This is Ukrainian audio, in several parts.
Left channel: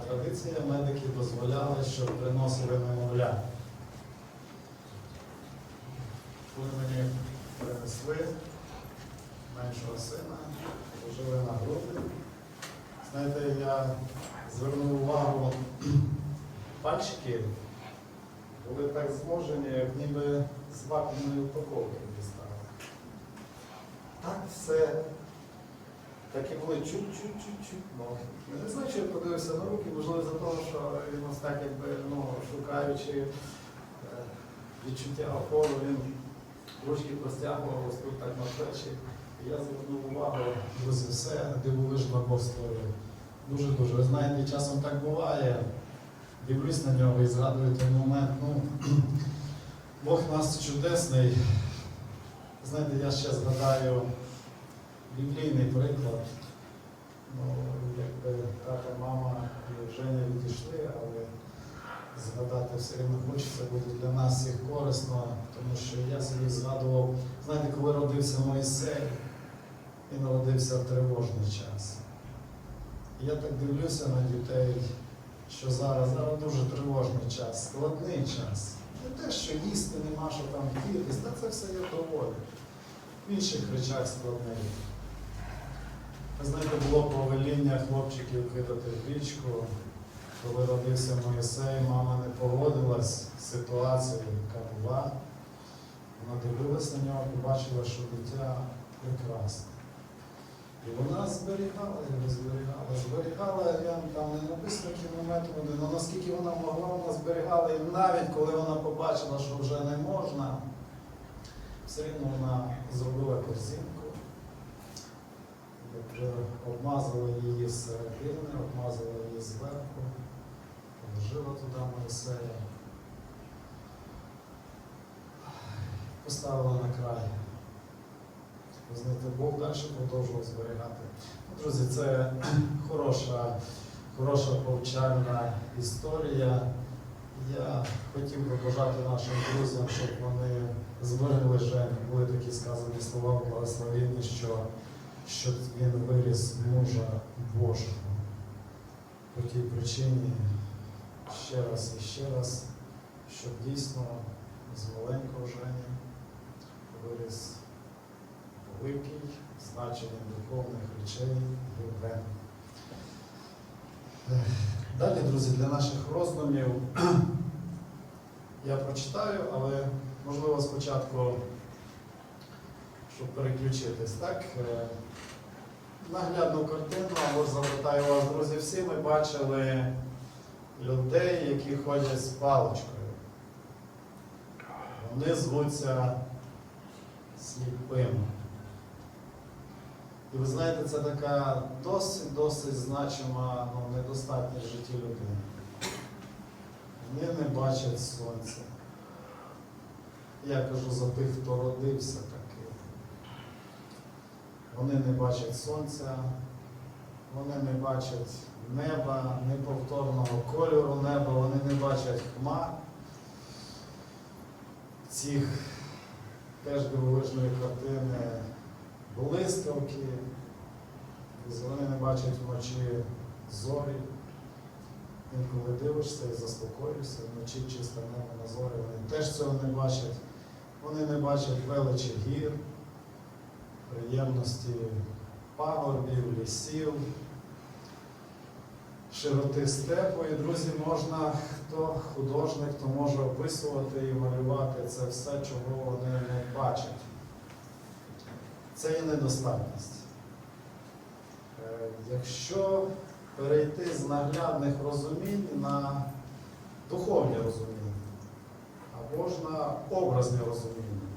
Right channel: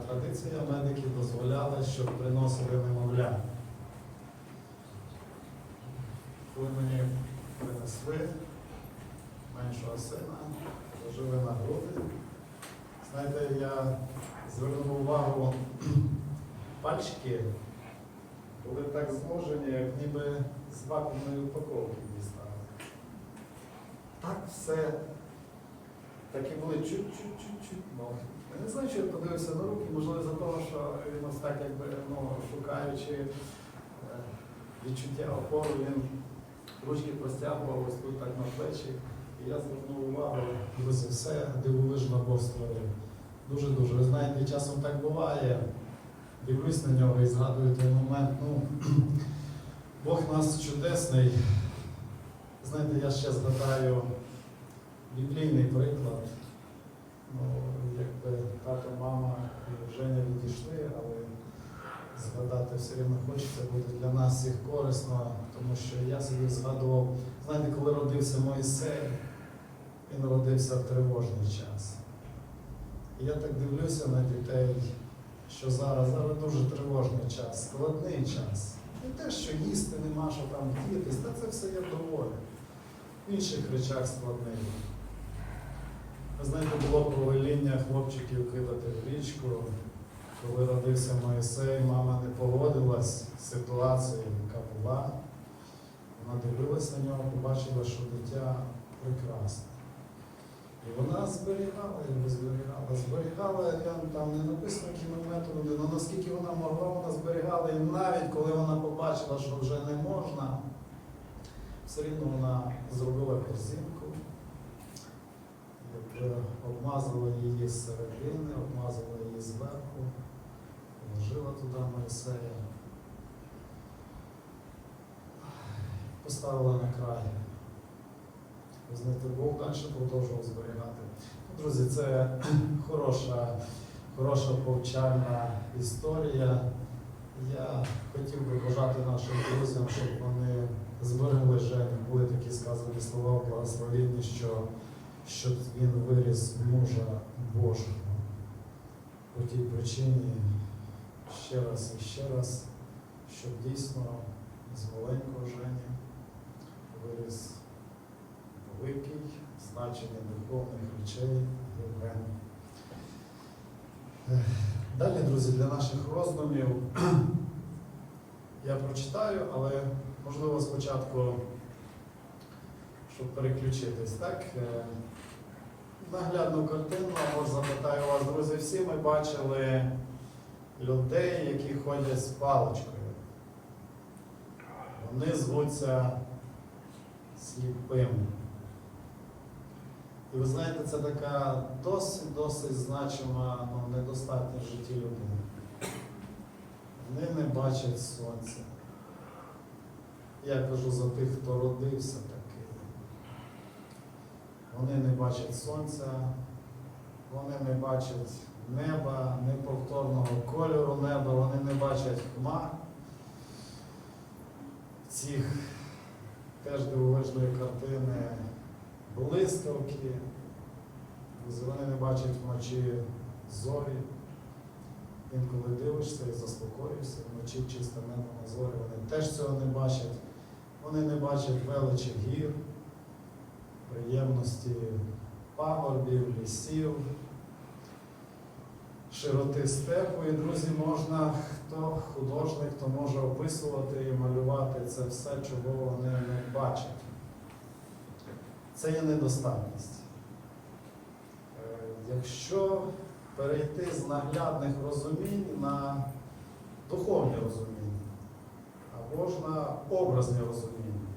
традиція, медики дозволяли, щоб приносили немовля. Коли мені принесли меншого сина, положили на груди. Знаєте, я звернув увагу, пальчики були так зложені, як ніби з вакуумної упаковки дістали. Так все. Такі були чуть-чуть-чуть-чуть ноги. Я не знаю, що я подивився на руки, можливо, за того, що він ось так якби ну, шукаючи е, відчуття опору, він ручки простягував ось тут так на плечі. Я звернув увагу, друзі, все дивовижно Бог створив. Дуже-дуже. Ви знаєте, часом так буває. Дивлюсь на нього і згадую той момент. Ну, Бог нас чудесний. Знаєте, я ще згадаю біблійний приклад. Ну, якби тато, мама і Женя відійшли, але згадати все рівно хочеться буде для нас всіх корисно, тому що я собі згадував, знаєте, коли родився Моїсей, він родився в тривожний час. І я так дивлюся на дітей, що зараз, зараз дуже тривожний час, складний час. Не те, що їсти нема, що там вдітись, та це все є доволі. В інших речах складний. Ви знаєте, було повеління хлопчиків кидати в річку. Коли родився Моїсей, мама не погодилась з ситуацією, яка була. Вона дивилась на нього, побачила, що дитя прекрасне. І вона зберігала його, зберігала, зберігала, я там не написано методами, але наскільки вона могла, вона зберігала. І навіть коли вона побачила, що вже не можна, все рівно вона зробила корзинку, обмазала її з середини, обмазала її зверху, положила туди Моїсея, поставила на край. Ви знаєте, Бог далі продовжував зберігати. Ну, Друзі, це хороша, хороша повчальна історія. Я хотів би бажати нашим друзям, щоб вони зберегли Женю. Були такі сказані слова в благословенні, що щоб він виріс мужа Божого. По тій причині ще раз і ще раз, щоб дійсно з маленького Жені виріс великий значення духовних речей Євген. Далі, друзі, для наших роздумів я прочитаю, але можливо спочатку, щоб переключитись, так? Наглядну картину, або запитаю вас, друзі, всі ми бачили людей, які ходять з паличкою. Вони звуться сліпими. І ви знаєте, це така досить-досить значима ну, недостатність в житті людини. Вони не бачать сонця. Я кажу за тих, хто родився. Вони не бачать сонця, вони не бачать неба, неповторного кольору неба, вони не бачать хмар. Цих теж дивовижної картини блискавки, вони не бачать вночі зорі. Інколи дивишся і заспокоїшся, вночі чисте небо на зорі, вони теж цього не бачать. Вони не бачать величі гір, приємності пагорбів, лісів, широти степу. І, друзі, можна, хто художник, хто може описувати і малювати це все, чого вони не бачать. Це є недостатність. Е, Якщо перейти з наглядних розумінь на духовні розуміння, або ж на образні розуміння.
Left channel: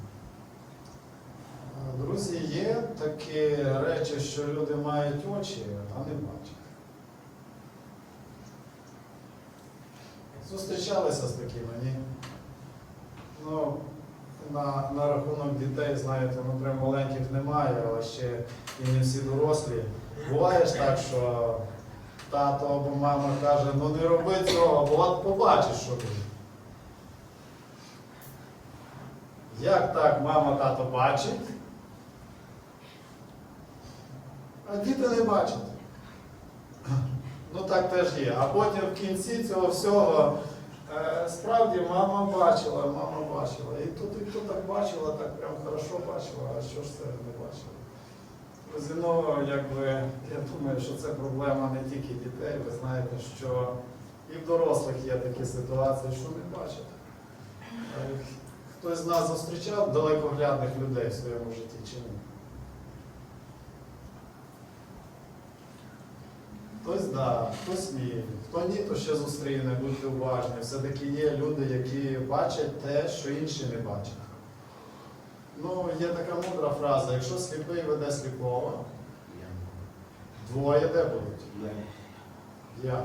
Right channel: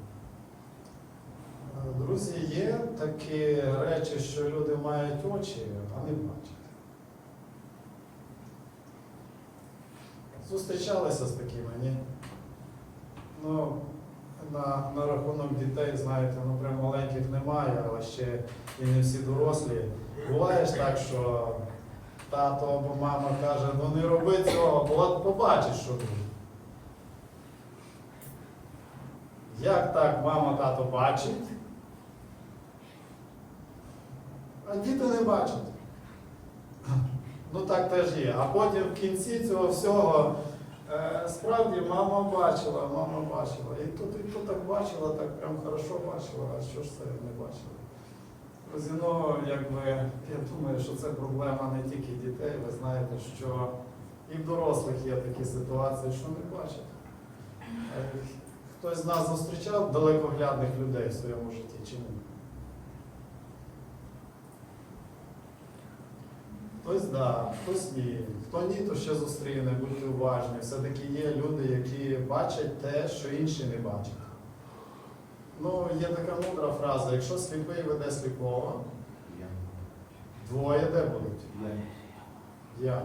Друзі, є такі речі, що люди мають очі, а не бачать. Зустрічалися з такими, ні? Ну, на, на рахунок дітей, знаєте, ну прям маленьких немає, але ще і не всі дорослі. Буває ж так, що тато або мама каже, ну не роби цього, бо от побачиш, що буде. Як так мама тато бачить, а діти не бачать. Ну так теж є. А потім в кінці цього всього е, справді мама бачила, мама бачила. І тут, і тут так бачила, так прям хорошо бачила, а що ж це не бачила? Друзі, ну якби я думаю, що це проблема не тільки дітей. Ви знаєте, що і в дорослих є такі ситуації, що не бачать. Е, Хтось з нас зустрічав далекоглядних людей в своєму житті чи ні? Хтось да, хтось ні. Хто ні, то ще зустріне, будьте уважні. Все-таки є люди, які бачать те, що інші не бачать. Ну, є така мудра фраза, якщо сліпий веде сліпого, двоє де будуть? Я.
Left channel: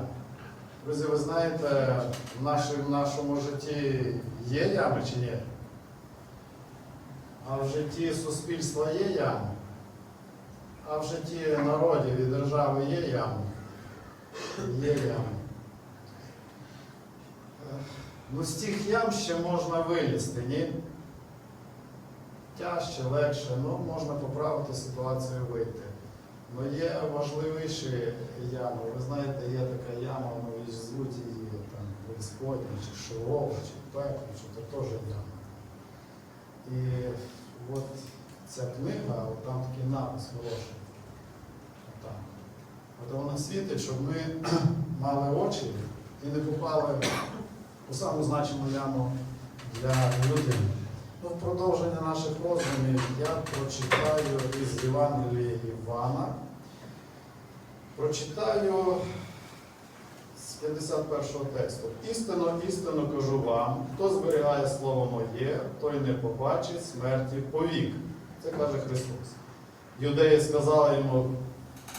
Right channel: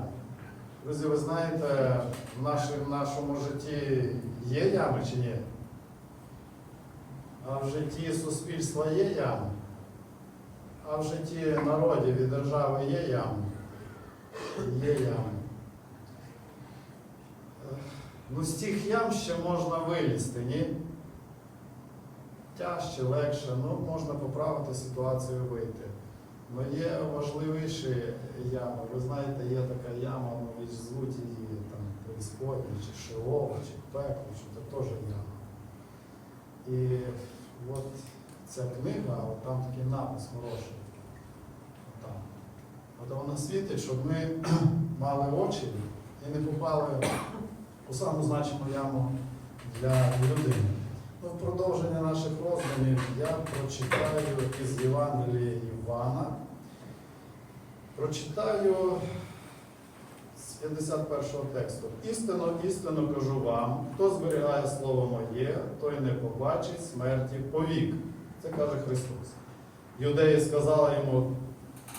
Друзі, ви знаєте, в, нашій- в нашому житті є ями чи ні? А в житті суспільства є ями? А в житті народів і держави є ями? Є ями. Ну, з тих ям ще можна вилізти, ні? Тяжче, легше, ну можна поправити ситуацію вийти. Ну є важливіші ями. Ви знаєте, є така яма, ну і звуть її там преисподня, чи широка, чи пекло, чи це теж яма. І от ця книга, от там такий напис хороший. От вона світить, щоб ми мали очі і не попали у саму значиму яму для людини. Ну, в продовження наших роздумів я прочитаю із Євангелія Івана. Прочитаю з 51-го тексту. Істинно, істинно кажу вам, хто зберігає слово моє, той не побачить смерті повік. Це каже Христос. Юдеї сказали йому,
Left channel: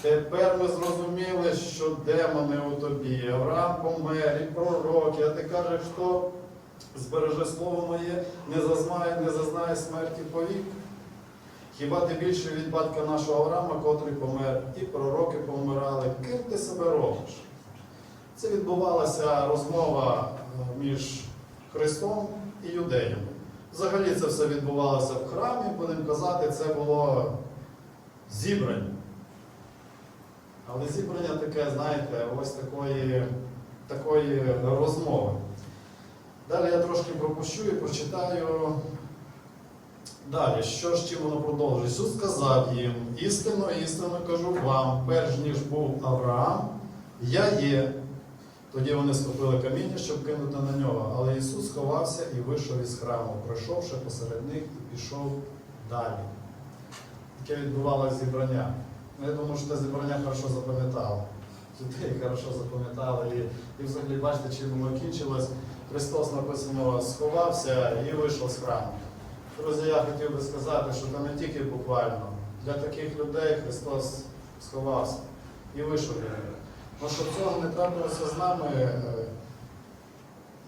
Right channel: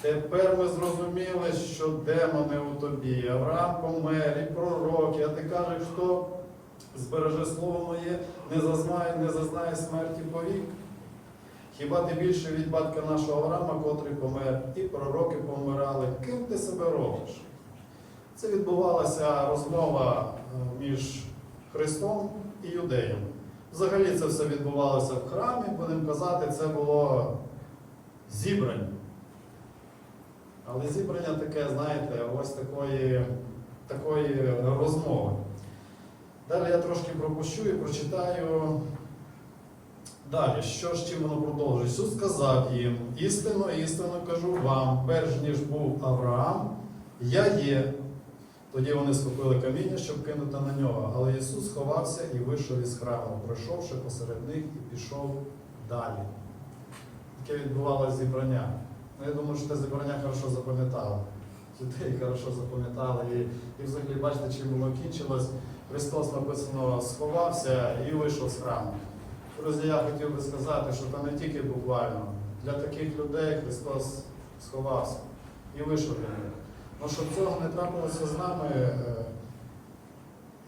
тепер ми зрозуміли, що демони у тобі, Авраам помер, і пророки, а ти кажеш, хто збереже слово моє, не зазнає, не зазнає смерті повік. Хіба ти більше від батька нашого Авраама, котрий помер, і пророки помирали, ким ти себе робиш? Це відбувалася розмова е, між Христом і юдеями. Взагалі це все відбувалося в храмі, будемо казати, це було зібрання. Але зібрання таке, знаєте, ось такої, такої розмови. Далі я трошки пропущу і прочитаю далі, що ж чим воно продовжує. Ісус сказав їм, істинно, істинно кажу вам, перш ніж був Авраам, я є. Тоді вони схопили каміння, щоб кинути на нього. Але Ісус сховався і вийшов із храму, пройшовши посеред них і пішов далі. Таке відбувалося зібрання. Ну, я думаю, що те зібрання хорошо запам'ятало. Людей хорошо запам'ятали. І, і взагалі, бачите, чим воно кінчилось. Христос написано сховався і вийшов з храму. Друзі, я хотів би сказати, що це не тільки буквально. Для таких людей Христос сховався і вийшов від них. Ну, щоб цього не трапилося з нами, е,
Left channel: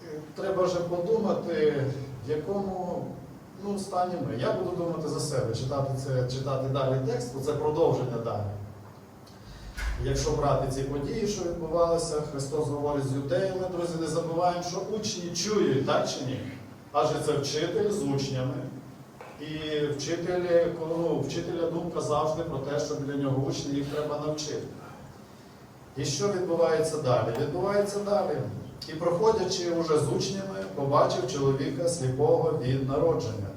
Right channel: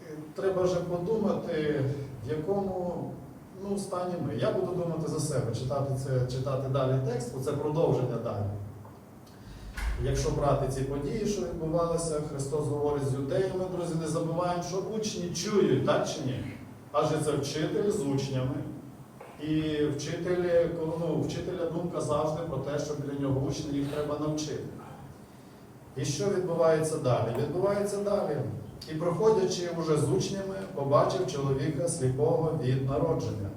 е, треба вже подумати, в якому ну, стані ми. Я буду думати за себе, читати, це, читати далі текст, бо це продовження далі. Якщо брати ці події, що відбувалися, Христос говорить з юдеями, друзі, не забуваємо, що учні чують, так чи ні? Адже це вчитель з учнями. І вчителі, ну, вчителя думка завжди про те, що для нього учні їх треба навчити. І що відбувається далі? Відбувається далі. І проходячи уже з учнями, побачив чоловіка сліпого від народження.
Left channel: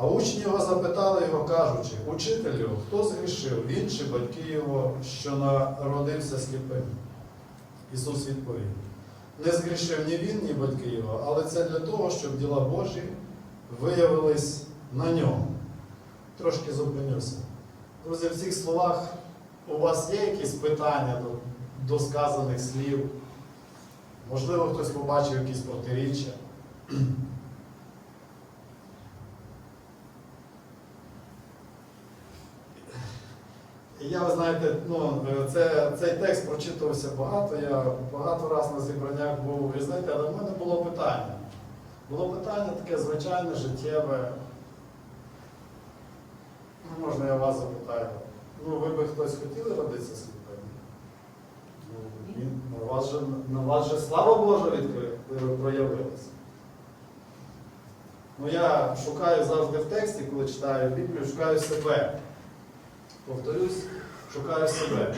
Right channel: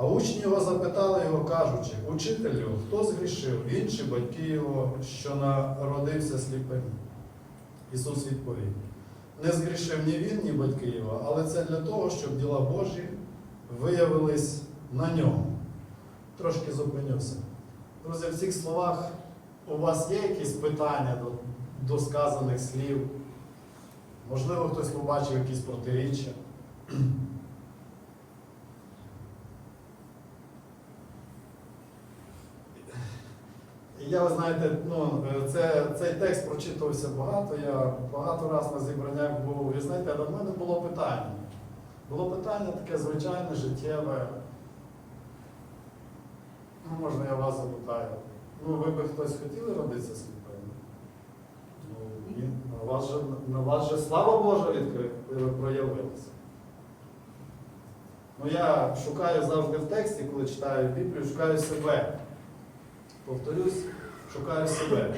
А учні його запитали його, кажучи, учителю, хто згрішив, він чи батьки його, що народився сліпим? Ісус відповів: не згрішив ні він, ні батьки його, але це для того, щоб діла Божі виявились на ньому. Трошки зупинюся. Друзі, в цих словах у вас є якісь питання до, до сказаних слів? Можливо, хтось побачив якісь протиріччя. І я, ви знаєте, ну, це, цей текст прочитувався багато, я багато разів на зібраннях був. І знаєте, але в мене було питання. Було питання таке звичайне, життєве. Ну, можна я вас запитаю. Ну, ви би хтось хотіли родитися сліпим? Ну, на вас же, на вас же слава Божа відкри- ви проявилася. Ну, я шукаю завжди в тексті, коли читаю Біблію, шукаю себе. Повторюсь, шукаю себе.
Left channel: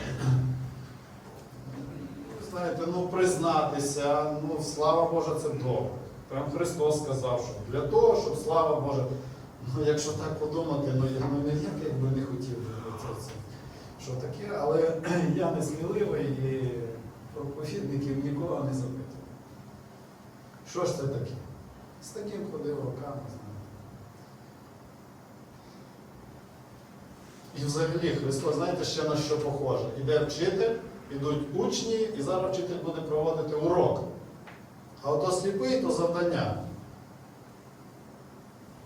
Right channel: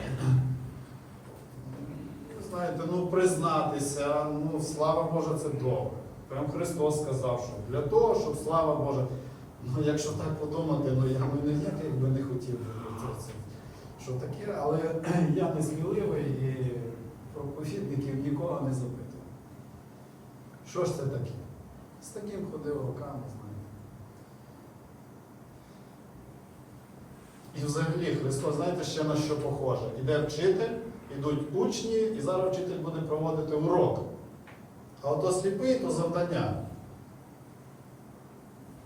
Знаєте, ну признатися, ну слава Божа, це добре. Прям Христос сказав, що для того, щоб слава Божа. Ну, якщо так подумати, ну я ну, ніяк якби не хотів би це. Що таке, але я не сміливий і проповідників нікого не запитував. Що ж це таке? З таким ходив руками, знаєте. І взагалі Христос, знаєте, ще на що похоже? Іде вчитель, ідуть учні, і зараз вчитель буде проводити урок. А ото сліпий то завдання.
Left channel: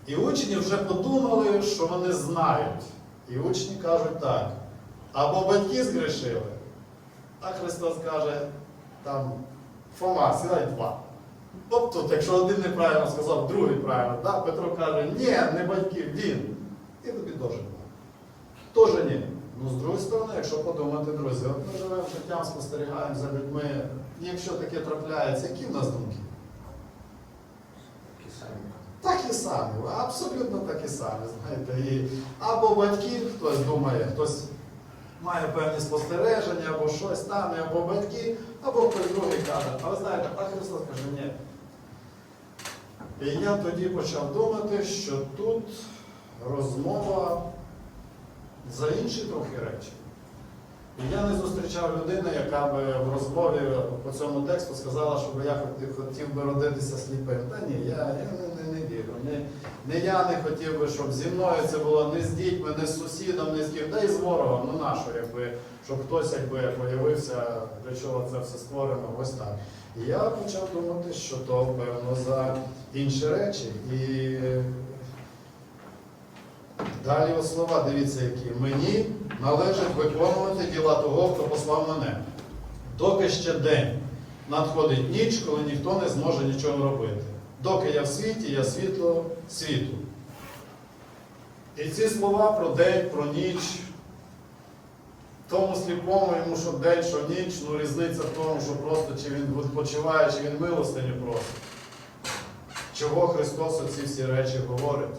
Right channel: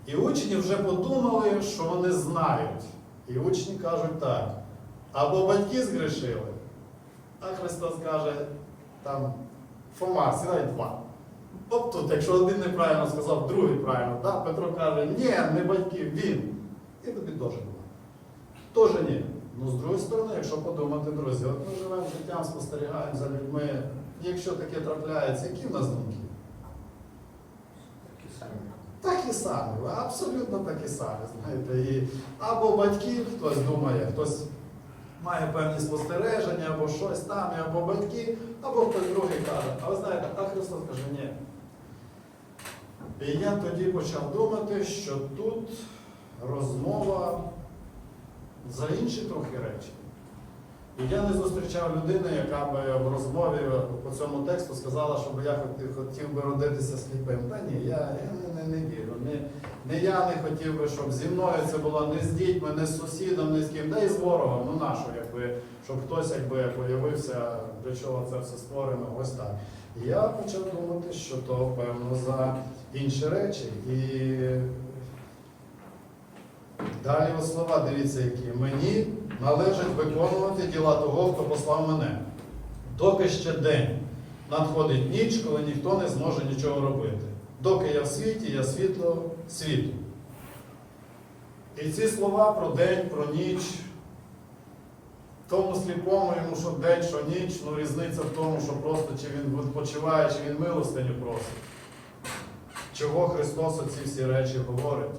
І учні вже подумали, що вони знають. І учні кажуть так. Або батьки згрішили, а Христос каже, там Фома, сідай два. От тут, якщо один неправильно сказав, другий правильно, да? Петро каже, ні, не батьки, він. І тобі теж Теж ні. Ну, з другої сторони, якщо подумати, друзі, от ми живемо життям, спостерігаємо за людьми. Якщо таке трапляється, які в нас думки? Так і самі, абсолютно так і самі. Знаєте, і або батьки, хтось думає, хтось має певні спостереження, або щось там, або батьки, або хтось другий каже, а ви знаєте, а Христос каже, ні. І я тоді почав думати, що тут розмова за інші трохи речі. І я не зустрічав людини, яка би в розмові по цьому тексту сказала, щоб я хотів, хотів би родитися сліпим. Та ні, я, я не, не, не вірю. Не, не я не хотів би, щоб зі мною це було не з дітьми, не з сусідом, не з ким, та й з ворогом. Ну нащо, якби, щоб хтось якби появився, для чого це все створено, ось так. І я почав думати, що то певно за інші речі. І Далі от слова, дивіться, які. Мені належить виконувати діла того, хто послав мене. Доки ще день надходить ніч, коли ніхто не зможе нічого робити. Доки я в світі, я світло світу. І ці слова про день, про ніч. Тому сліпому йому, що день, що ніч, ну різниця в тому, що просто чи він відпочиває, чи він милостиню просить. Чого Христос оці всі речі говорить?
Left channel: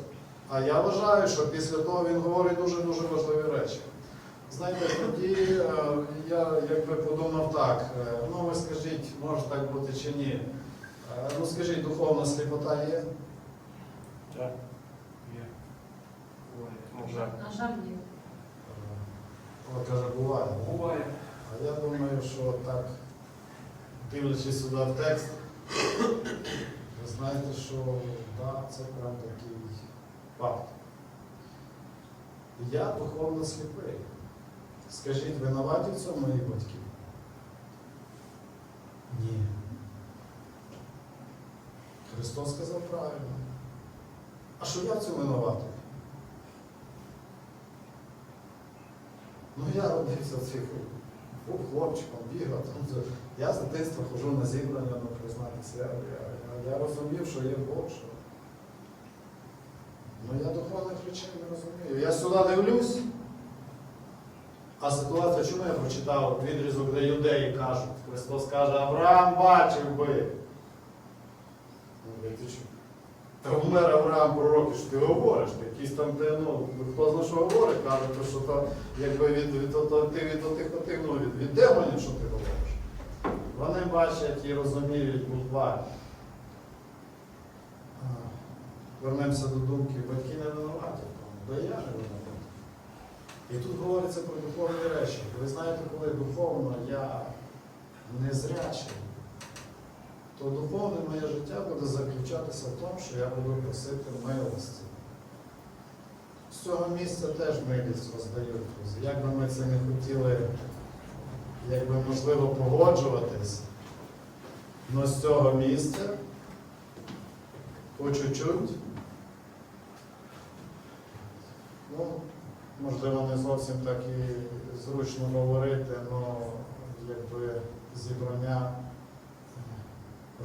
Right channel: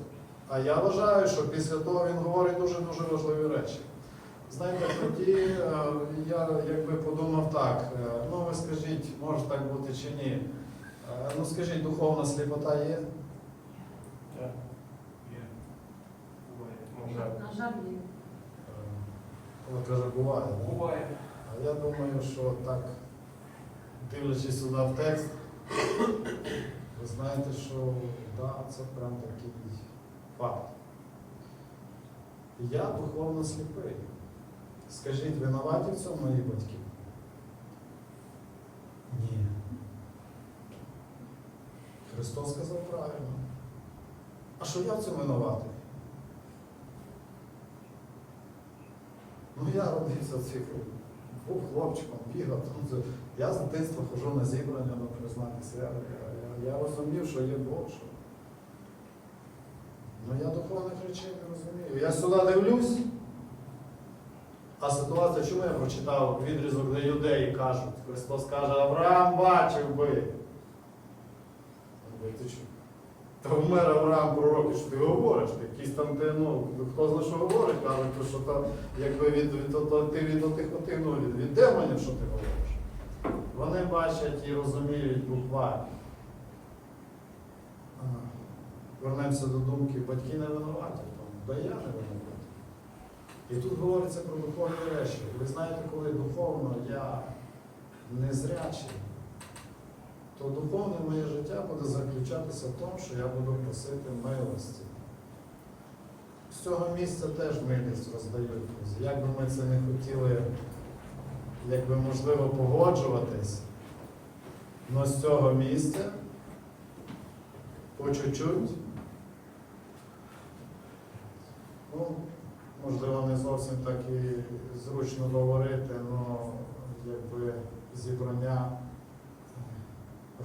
А я вважаю, що після того він говорить дуже-дуже важливі речі. Знаєте, тоді е, я якби подумав так, е, ну ви скажіть, може так бути чи ні. Е, Ну скажіть, духовна сліпота є? Так. Є. На жаль. От каже, буває. Буває. А я думаю, що так, дивлячись сюди в текст, ви знаєте, що да, це прям такий факт. Я духовно сліпий. Скажіть, винуваті в цьому мої батьки? Ні. Христос сказав правильно. А що я в цьому винуватий? Ну я родився в цих був хлопчиком, бігав. Там, я з дитинства ходжу на зібрання, ну признатися. Я, я, я розумів, що є Бог. Що... Ну я духовних речей не розумію. Я сюди дивлюсь. А ситуація, чому я прочитав відрізок, де юдеї кажуть? Христос каже, Авраам бачив би. Ти? Та вмер Авраам пророк, що ти говориш? Ти якісь там, де, ну, хто знає, що говорить, кажуть, то, що то, якби від, від, то, ти від отих, отих, ну, від, від демонів, що ти говориш. Вони бачать і розуміють буквально. Вернемося до думки, батьки не винуваті, да я не винуватий. І тут говориться про духовні речі. Ви знаєте, коли духовно я незрячий, то духовне моє життя буде заключатися в тому, що я буду просити милості. З цього місця теж милість роздають. Як би ми це не хотіли, якби можливо погоджуватись, але з цього місця по чуть-чуть, ну, можливо, не зовсім так і зручно говорити, але якби зібрання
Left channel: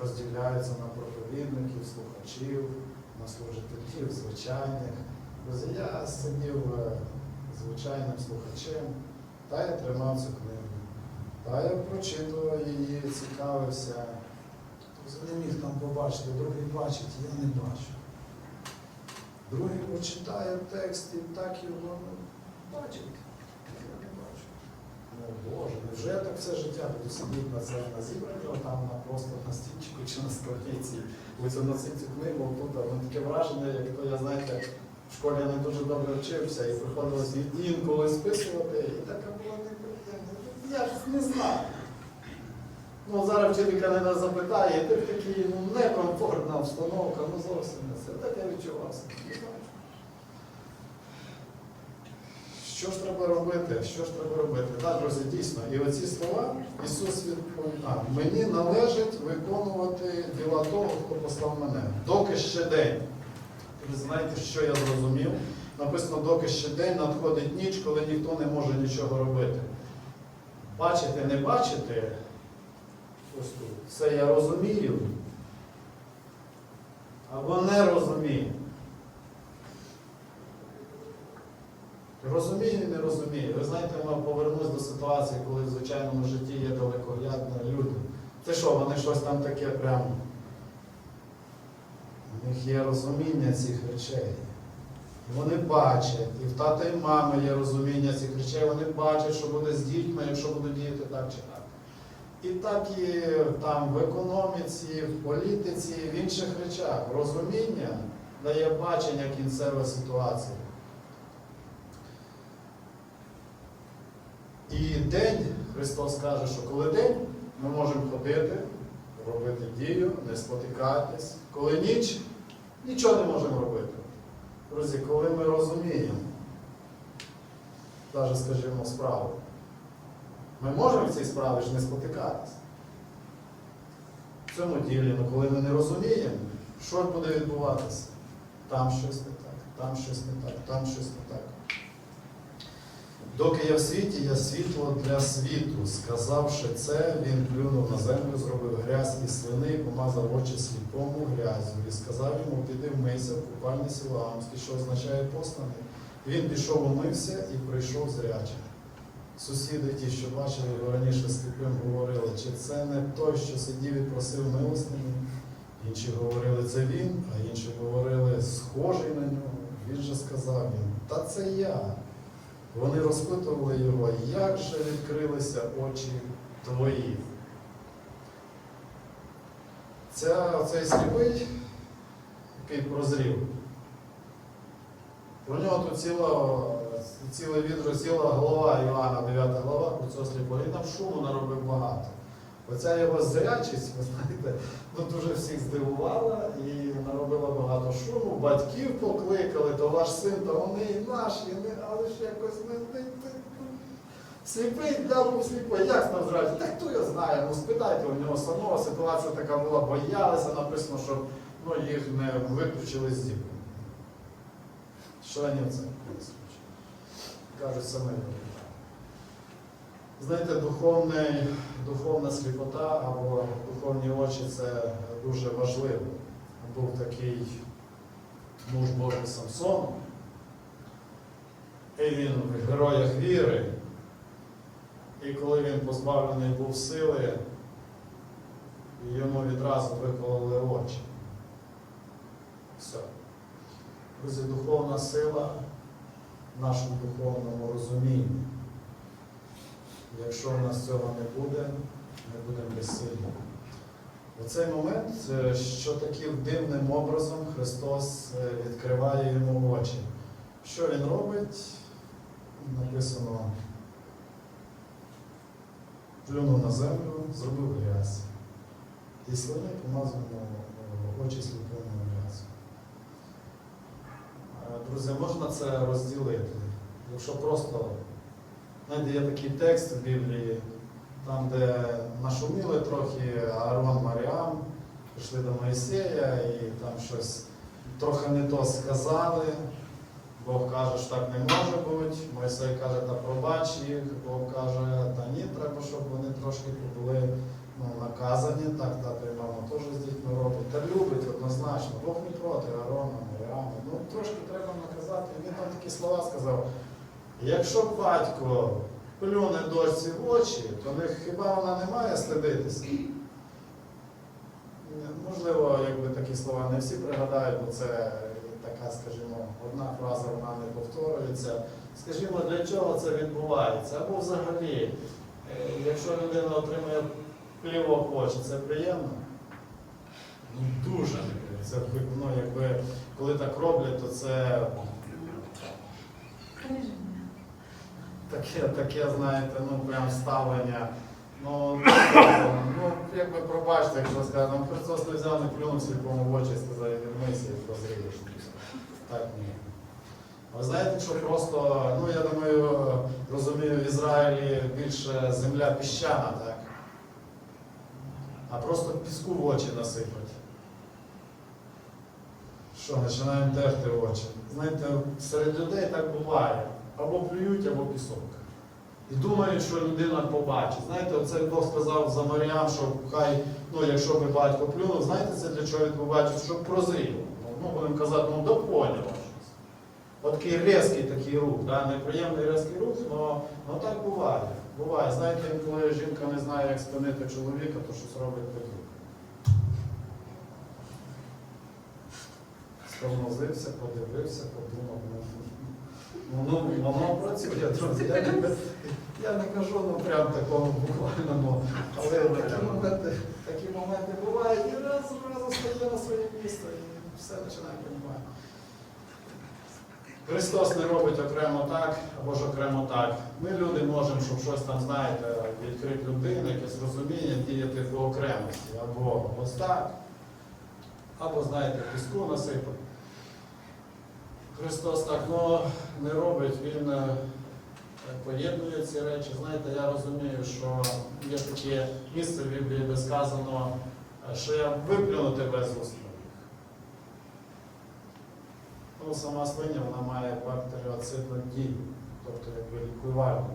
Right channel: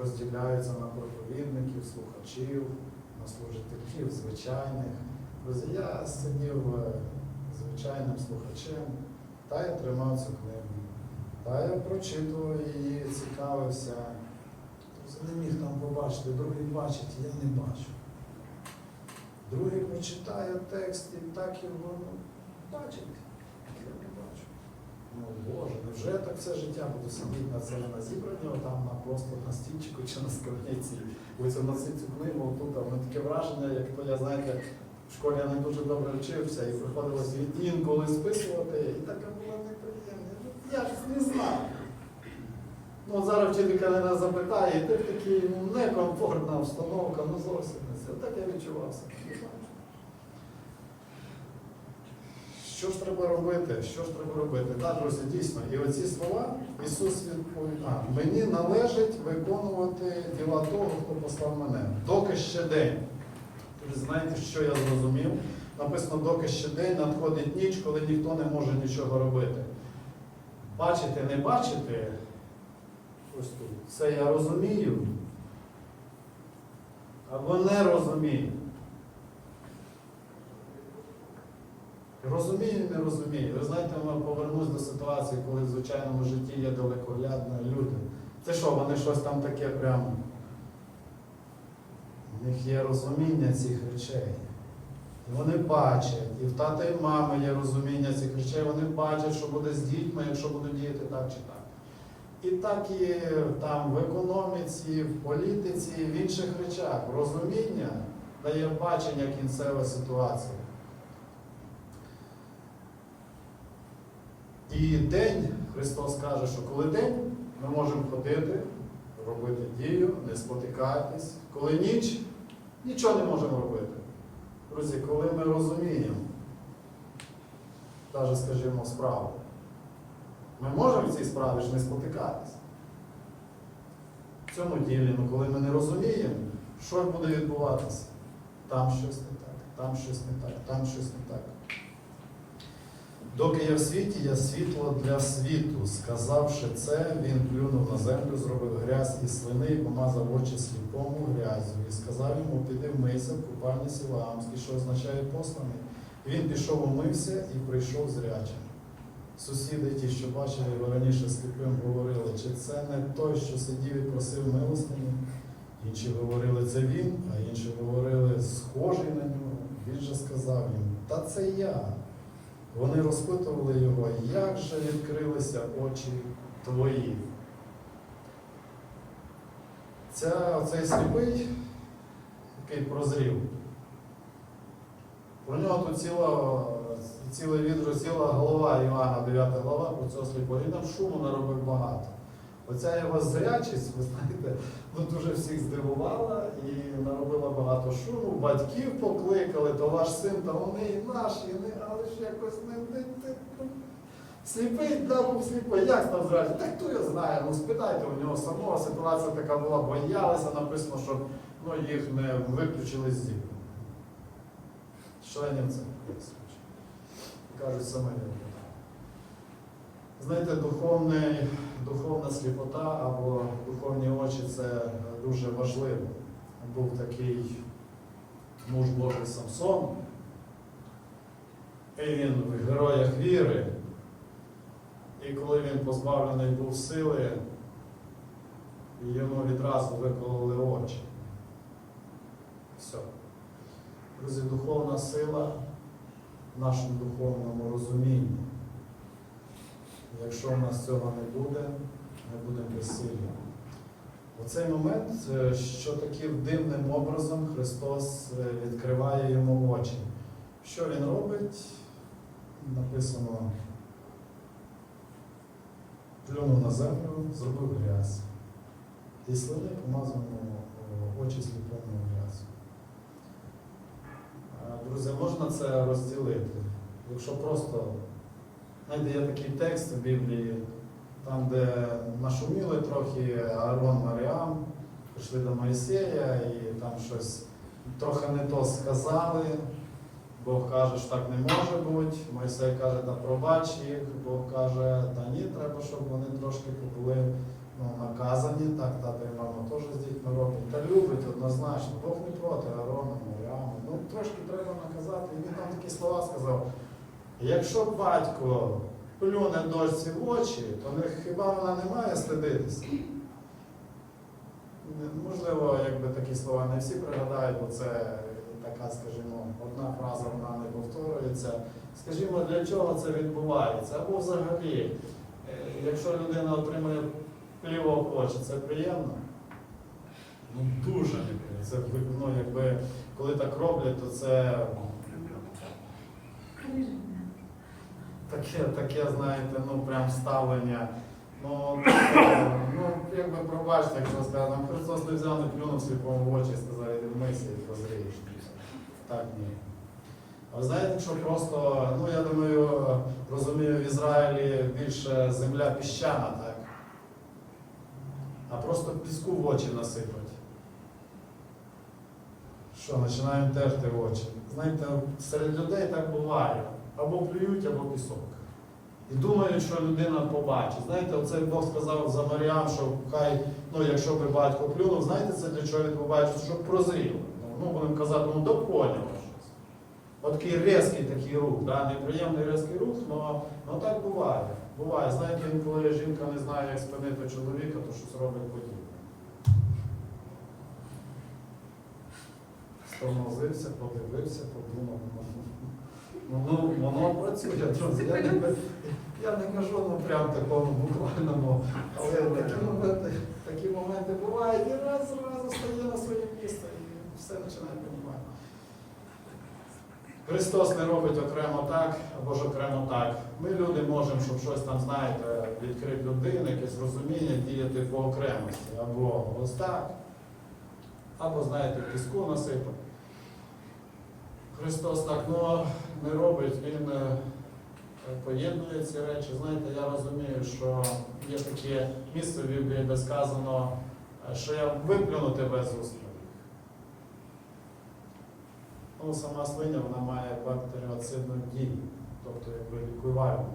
розділяються на проповідників, слухачів, на служителів, звичайних. Я сидів е, звичайним слухачем, та я тримав цю книгу. Та я прочитував її, цікавився. Тобто не міг там побачити, другий бачить, я не бачу. Другий почитає текст і так його ну, бачить. Я не бачу. Ну, Боже, невже так все життя буду сидіти на це на зібранні, там на просто на стільчику чи на скам'янці, оце носити цю книгу тут, а таке враження, як то я, знаєте, в школі я не дуже добре вчився і приходилось інколи списувати, і така була неприємна. Я ж не знаю. Ну, зараз вчителька нас запитає, і ти в такій некомфортна обстановка, ну зовсім не це. Так я відчувався. Що ж треба робити? Що ж треба робити? Так, друзі, дійсно. І оці слова Ісус відповів, а, мені належить виконувати діла того, хто послав мене. Доки ще день. Ви знаєте, що я зрозумів? Написано, доки ще день надходить ніч, коли ніхто не може нічого робити. Бачити, не бачити, тут, це я розумію. Або не розумію. Розумію, не розумію. Ви знаєте, я повернусь до ситуації, коли в звичайному житті є далекоглядні люди. Це що, вони щось там таке прям. У них є розуміння цих речей. Вони бачать, і в тата і мами є розуміння цих речей, вони бачать, що буде з дітьми, якщо будуть діяти так чи так. І так і там в економіці, в політиці, в інших речах. Розуміння дає бачення кінцевої ситуації. І день, Христос каже, що коли день, ми можемо ходити, робити дію, не спотикатись. Коли ніч, нічого не можемо робити. Друзі, коли ми розуміємо, навіть, скажімо, справу, ми можемо в цій справі ж не спотикатись. В цьому ділі, ну коли ми не розуміємо, що буде відбуватися? Там щось не так, там щось не так, там щось не так. Доки я в світі, я світло для світу. Сказавши це, він плюнув на землю, зробив грязь із свини і помазав очі сліпому грязю. І сказав йому, піди вмийся в купальні Сілаамській, що означає посланий. Він пішов умився і прийшов зрячим. Сусіди, ті, що бачили його раніше сліпим, говорили, чи це не той, що сидів і просив милостині. Інші говорили, це він, а інші говорили, схожий на нього. Він же сказав їм, та це я. Вони розпитували його, як же відкрилися очі твої. Ця, оцей сліпий, який прозрів, про нього тут ціла, цілий відро, ціла голова Іоанна, 9 глава, про цього сліпого. Він там шуму наробив багато. Оця його зрячість, ви знаєте, ну, дуже всіх здивувала і наробила багато шуму. Батьків покликали, то ваш син, то вони і наші, і не, але ж якось не, не, не, ну, сліпий, да, був сліпий, як став зрячий? Та хто його знає? Ну спитайте у нього самого, ситуація така була, боялися, написано, щоб ну, їх не виключили з дітей. Членів це кажуть саме. Знаєте, духовний, духовна сліпота або духовні очі це дуже важливо. Був такий муж Божий Самсон, і він в героях віри. І коли він позбавлений був сили, йому відразу викололи очі. Все. Друзі, духовна сила нашому духовному розумінні. Якщо в нас цього не буде, ми будемо безсильні. У цей момент, е, що таким дивним образом Христос е, відкриває йому очі. Що він робить? Написано, плюнув на землю, зробив грязь. І слини помазав очі сліпому. Е, Друзі, можна це розділити. Якщо просто Знаєте, є такий текст в Біблії, там, де нашуміли трохи Аарон Маріам, прийшли до Моїсея і там щось трохи не то сказали. Бог каже, що так не може бути. Мойсей каже, та пробач їх. Бог каже, та ні, треба, щоб вони трошки побули ну, наказані, так тато і мама теж з дітьми роблять. Та любить однозначно. Бог не проти Аарона, Маріаму. Ну трошки треба наказати. І він там такі слова сказав. Якщо батько плюне дочці в очі, то не, хіба вона не має стидитися? Можливо, якби такі слова не всі пригадають, бо це така, скажімо, одна фраза вона не повторюється. Скажімо, для чого це відбувається? Або взагалі, е, якщо людина отримує плівок в очі, це приємно? Ну дуже неприємно. Це ну, якби, коли так роблять, то це таке, таке, знаєте, ну прям ставлення. Ну, ну якби пробачте, якщо сказати, ну, Христос не взяв, не плюнув сліпому в очі сказав, іди і прозрієш. Так ні. А ви знаєте, що просто, ну я думаю, розумію, в Ізраїлі більше земля піщана? А просто піску в очі насипать. Що, починаємо терти очі. Знаєте, серед людей так буває. Або плюють, або пісок. І думають, що людина побачить. Знаєте, оце Бог сказав за Маріам, що хай, ну якщо би батько плюнув, знаєте, це для чого він побачив? Щоб прозріло. Ну, будемо казати, ну да поняла щось. От такий різкий такий рух, да? неприємний різкий рух, але так буває. Буває. Знаєте, інколи жінка не знає, як спинити чоловіка, то щось робить подібне. Стормозився, подивився, подумав. Ну, ну, воно працює, друзі. Я не, я не кажу ну, прям такому буквальному, але такі моменти, такі моменти бувають і раз раз стає на своє місце і все починає розуміти. Христос не робить окремо так або ж окремо так. Ми люди можемо, щоб щось там, знаєте, відкрити людину, якесь розуміння, діяти по окремості. Або ось так, або, знаєте, піску насипати. Христос так ну, не робить, Він е, поєднує ці речі. Знаєте, я розумію, що є таке місце в Біблії, де сказано, е, що я виплюну тебе з уст Ну, сама свиня вона має бактеріоцидну дію, тобто якби лікувальну.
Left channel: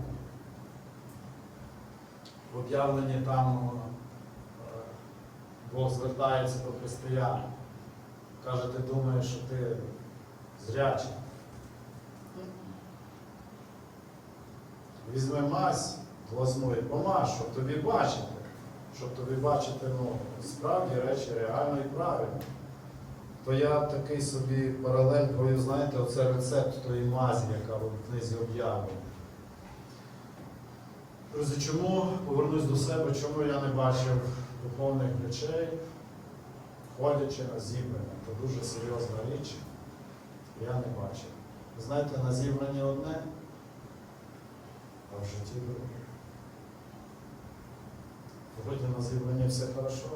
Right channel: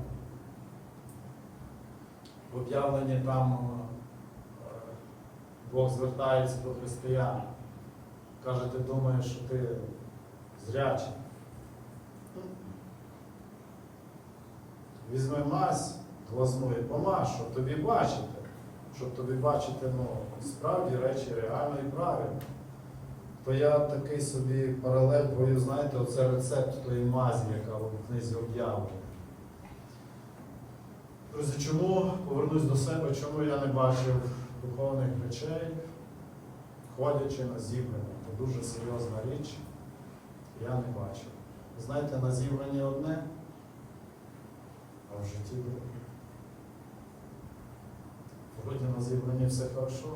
В об'явленні там е, Бог звертається до християн. Каже, ти думаєш, що ти зрячий. Візьми мазь глазну і помаж, щоб тобі бачити, щоб тобі бачити ну, справді речі реально і правильно. То я такий собі паралель, бо знаєте, оце рецепт тої мазі, яка в книзі об'явлена. Друзі, чому повернусь до себе, чому я не бачив духовних речей, ходячи на зібрання? Це дуже серйозна річ. Я не бачив. Ви знаєте, на зібранні одне, а в житті друге. Вроді на зібранні все хорошо,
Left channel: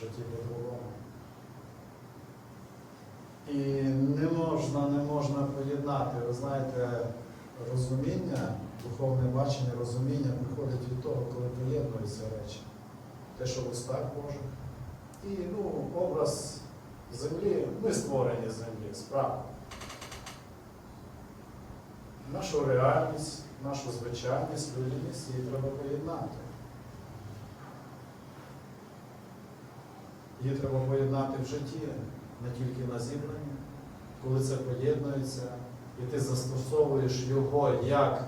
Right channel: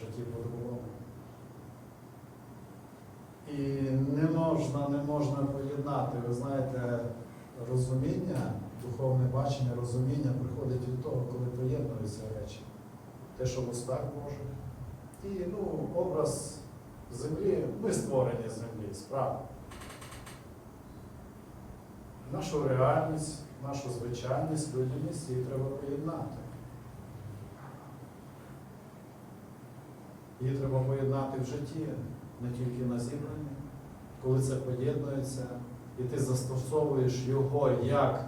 житті по-другому. І не можна, не можна поєднати, ви знаєте, розуміння, духовне бачення, розуміння приходить від того, коли поєднуються речі. Те, що в устах Божих. І ну, образ землі, ми створені землі, справді. Нашу реальність, нашу звичайність, людяність її треба поєднати. Її треба поєднати в житті, не тільки на зібранні. Коли це поєднується, і ти застосовуєш його як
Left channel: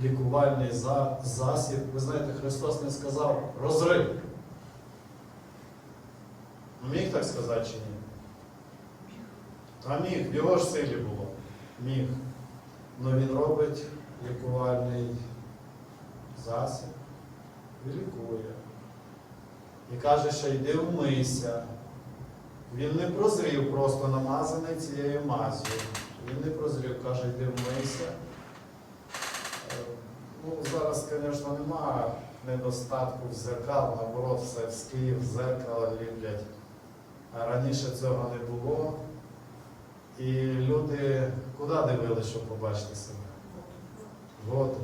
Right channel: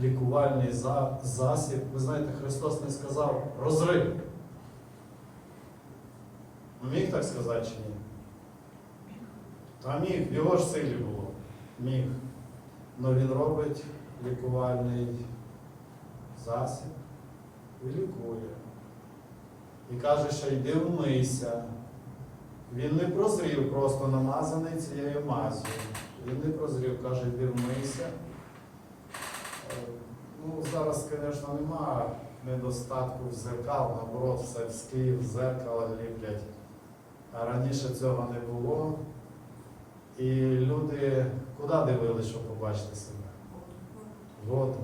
лікувальний за- засіб. Ви знаєте, Христос не сказав розрив. Міг так сказати чи ні? А міг, в його ж силі було. Міг. Але він робить лікувальний засіб і лікує. І каже, що йди вмийся. Він не прозрів, просто намазаний цією мазю. Він не прозрів, каже, йди вмийся. Е, Ну, зараз, звісно, немає недостатку в зеркал, наоборот, все в Київ зеркала ліплять. А раніше цього не було. І люди куди дивилися, щоб побачити себе? Воду.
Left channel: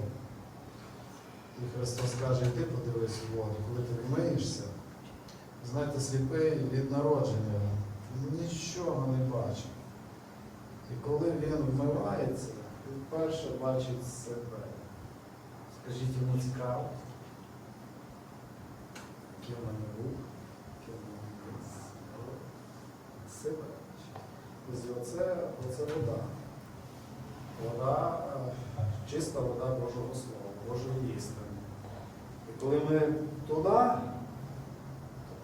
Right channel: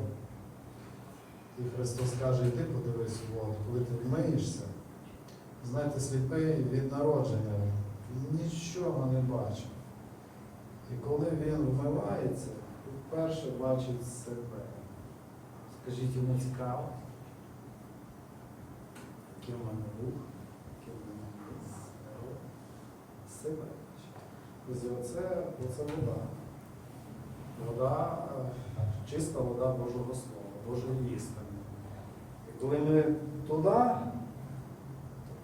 І Христос каже, йди подивись воду, коли ти вмиєшся. Знаєте, сліпий від народження нічого не бачить. І коли він вмивається, він вперше бачить себе. Скажіть, йому цікаво? в мене який в мене є. Себе. Оце, оце вода. Вода, е, чиста вода Божого Слова, Божої істини. І коли ми туди,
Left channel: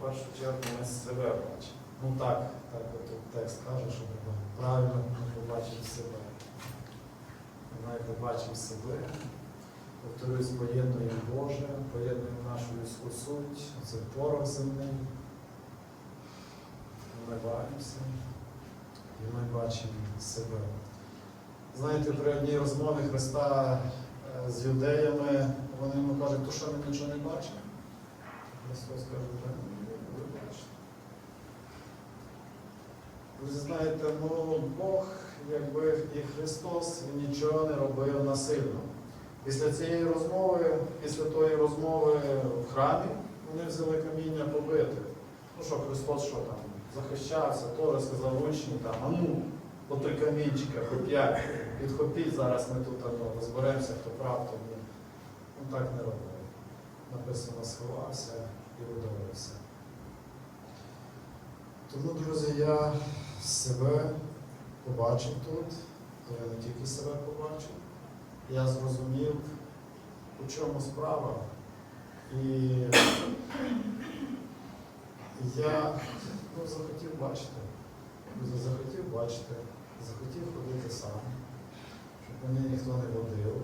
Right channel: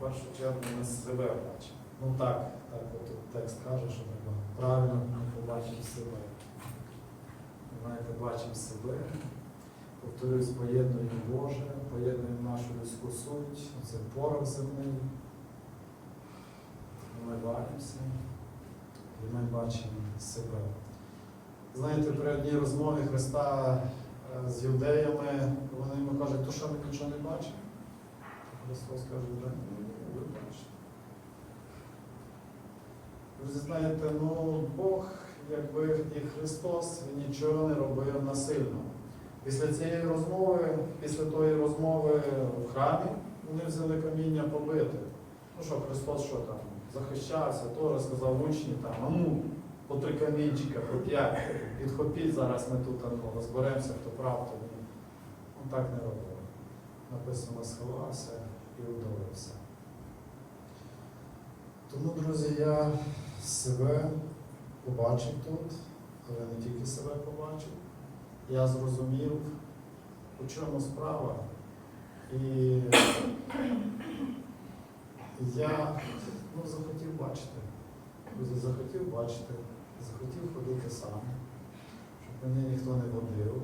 першу чергу ми себе бачимо. Ну так, так от текст каже, що ми правильно ми побачимо себе. Знаєте, бачимо себе, повторюсь, поєднуємо Боже, поєднуємо нашу людську суть, це порох земний. Бачимося і ми бачимо себе. Знаєте, при одній розмові Христа е, з юдеями, вони йому кажуть, то що ми нічого не бачимо? Христос каже, «Да, ні, ви бачите. Ви знаєте, ну Бог, якби і Христос нічого не робив насильно. Після цієї розмови, після тої розмови в храмі, вони взяли каміння побити. Ну що, Христос що там, захищався, теж сказав учні там, а ну, по три камінчика, по п'ять, підхопіть, зараз ми тут ну, розберемося, хто прав, то ні. Ну так не робив. Написано, сховався і удалився. Тому, друзі, я себе побачив тут, але не тільки себе побачив. Я зрозумів, у чому справа. І я ну, захотів бачити. Друзі, захотів бачити, захотів ходити сам, щоб мене ніхто не водив.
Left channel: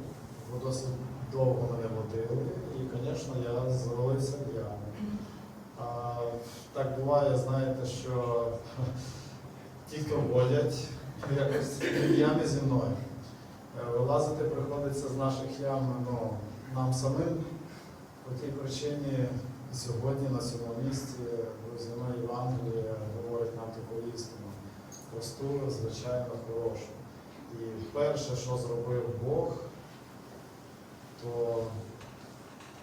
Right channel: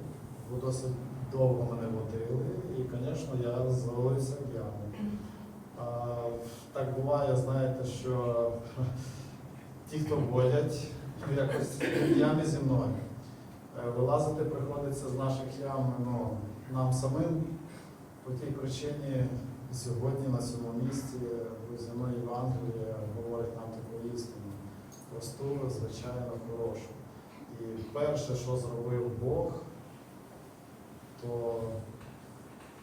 Бо досить довго мене водили, і, звісно, я звалився в. Так буває, знаєте, що ті, хто водять, якось в ямі зі мною. Е, Вилазити приходиться з наших ям ну, нам самим. По тій причині сьогодні на цьому місці земна Євангелія говорить нам таку істину. Просту, звичайно, хорошу. І перше, що зробив Бог, то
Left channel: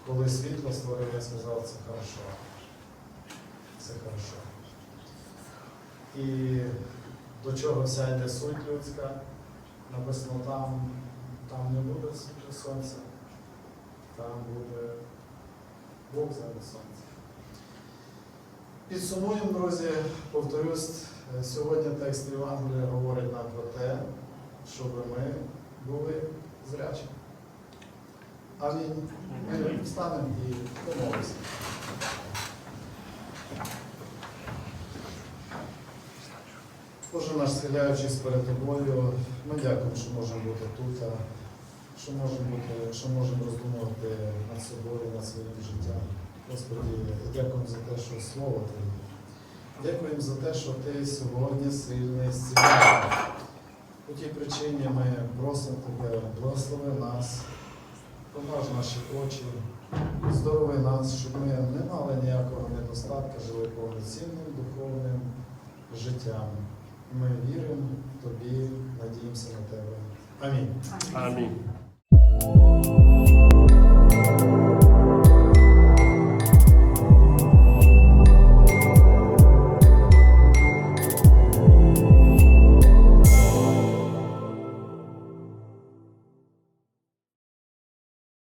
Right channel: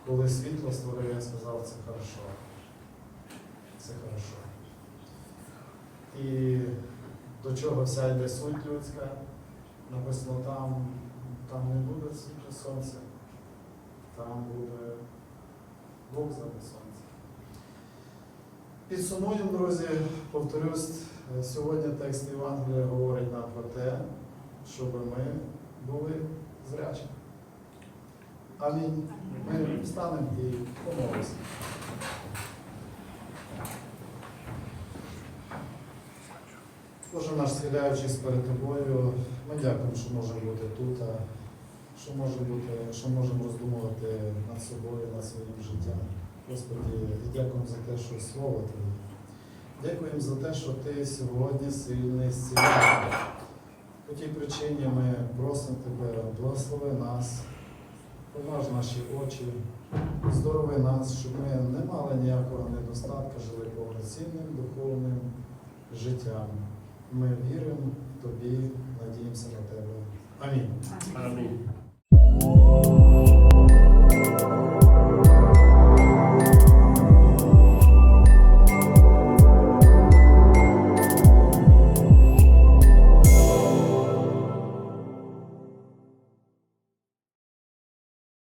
коли світло створив, він сказав, це хорошо. Це хорошо. І до чого вся йде суть людська, написано там, там не буде сонця, там буде Бог замість сонця. Підсумуємо, друзі, повторюсь, сьогодні текст Євангелія говорить нам про те, щоб ми були зрячими. Амінь. Ми встанемо і помолимося. Боже наш схиляючись перед тобою, ми дякуємо, що можемо бути тут, що можемо бути, що можемо роздумувати над собою, над своїм життям. Господи, дякуємо за те, що слово Твоє. Дякуємо за те, що Ти сьогодні сильний зціляєш. По тій причині ми просимо Тебе, благослови нас, помнож наші очі, здорови нас, щоб ми не мали ніякого недостатка, жили повноцінним духовним життям. Ми віримо тобі, надіємося на тебе. Амінь. Амінь.